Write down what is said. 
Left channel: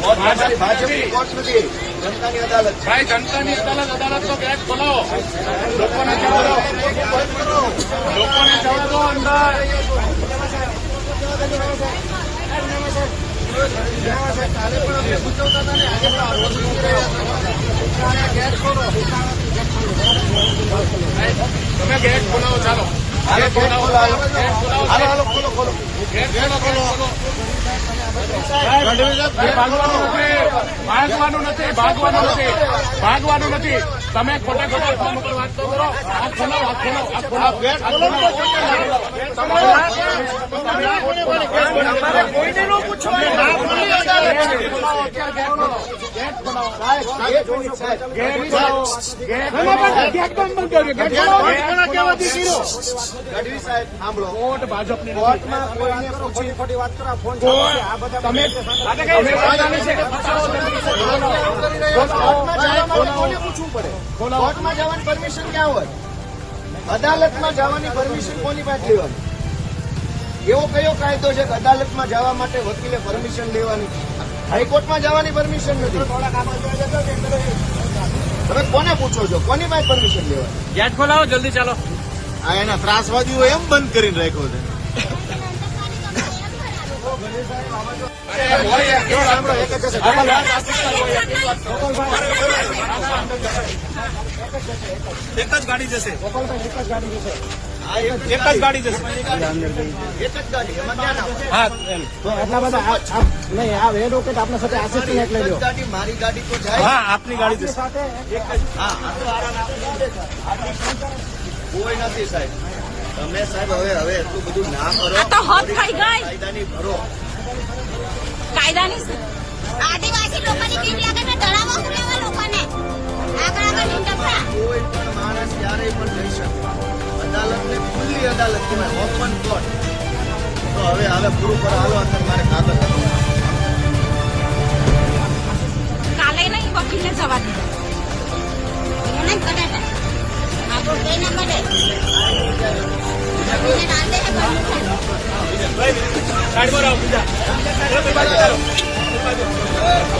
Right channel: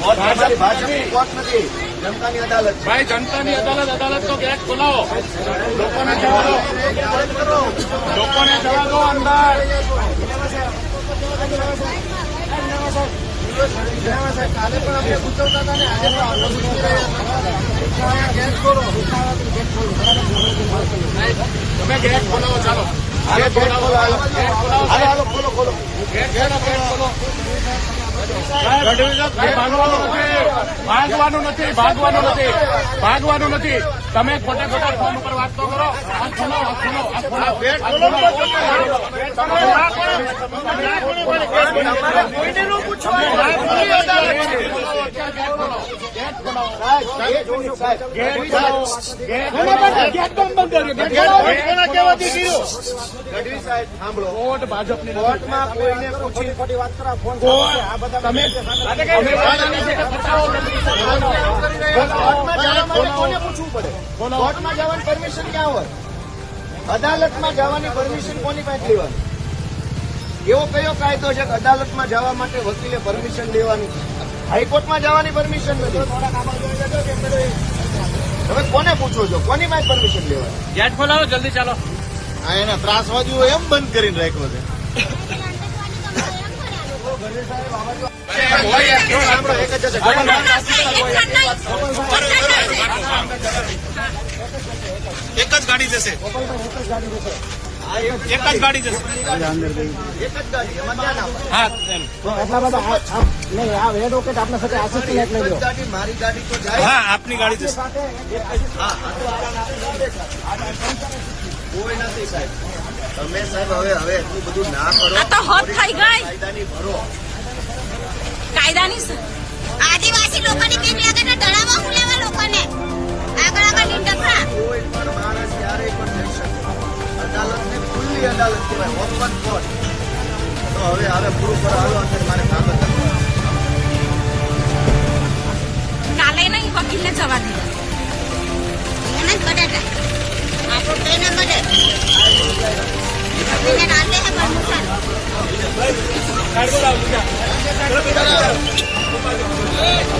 ભાજપની કોર્ટ નથી જનતાની અદાલત છે જનતાની અદાલત અદાલતનો ગેટ ખોલાવો લોકોને લોકોને જવા દો અંદર કાલે પણ અમે પૂછવતા હતા ને આજે પણ ગેટ ખોલો તમે ગેટ ખોલાવો ચાલો. હાલો ગેટ ખોલો હાલો. હાલો ખોલો ખોલો ગેટ ખોલો ખોલો. ભાગવાનું નથી ભાગવાનું નથી ભાગવાનું નથી તમે ખોટા ખોટા ફોન ઉપર વાત કરો આ ખોલો આ ખોલો આ ખોલો કોર્ટ ભાજપની કોર્ટમાં કોઈને પૂછી ખોટી વાત કરો ફોન આ બધા અદાલતમાં જવાની પરમિશન કોની પાસે લેવાની એવો કયો કાયદો છે કે અદાલતમાં જવા માટે વકીલે પરમિશન લેવાની હાઈકોર્ટમાં જવાની પરમિશન નથી તમે કોને પૂછો છો કોની પાસે પરમિશન લેવાની યાદ ખોલાવો, જલ્દી ચાલો. આ એના ત્રાસવાદીઓ એમ બંધ કરીને રાખ્યો છે. એક જ હશે. એક જ ગાડી જશે એક જ ગાડી જશે. એક જ ગાડી જશે. એટલા બધા નહીં આ- નહીં આ એડવોકેટ આપણા સાથે આસિસ્ટન્ટ લ્યો ગાડી, મારી ગાડી તો હા આપની ગાડી જશે. કોઈ નથી સાહેબ તમે સાહેબ હવે હવે એટલું બધું ના કરો. આ તો હદ થઈ ગઈ. કાયદાની ભરો. કાયદાની આદિવાસી લોકોની કેમ લાગે ને તળાવમાં ફુલાવા લોકોને? આગળ આગળ લીંડકરા કોઈ પણ માણસ ક્યારેય પણ લઈ શકે. અદાલતની ખુલ્લી અદાલત ઓપન કોર્ટ. તો હવે હવે પૂરું કરો હાલો અંદર મારે કાગળ કાલે નહીં વકીલને જવા દીધો બટાટા. આપણો કઈ મળે साइड पर आओ पूजा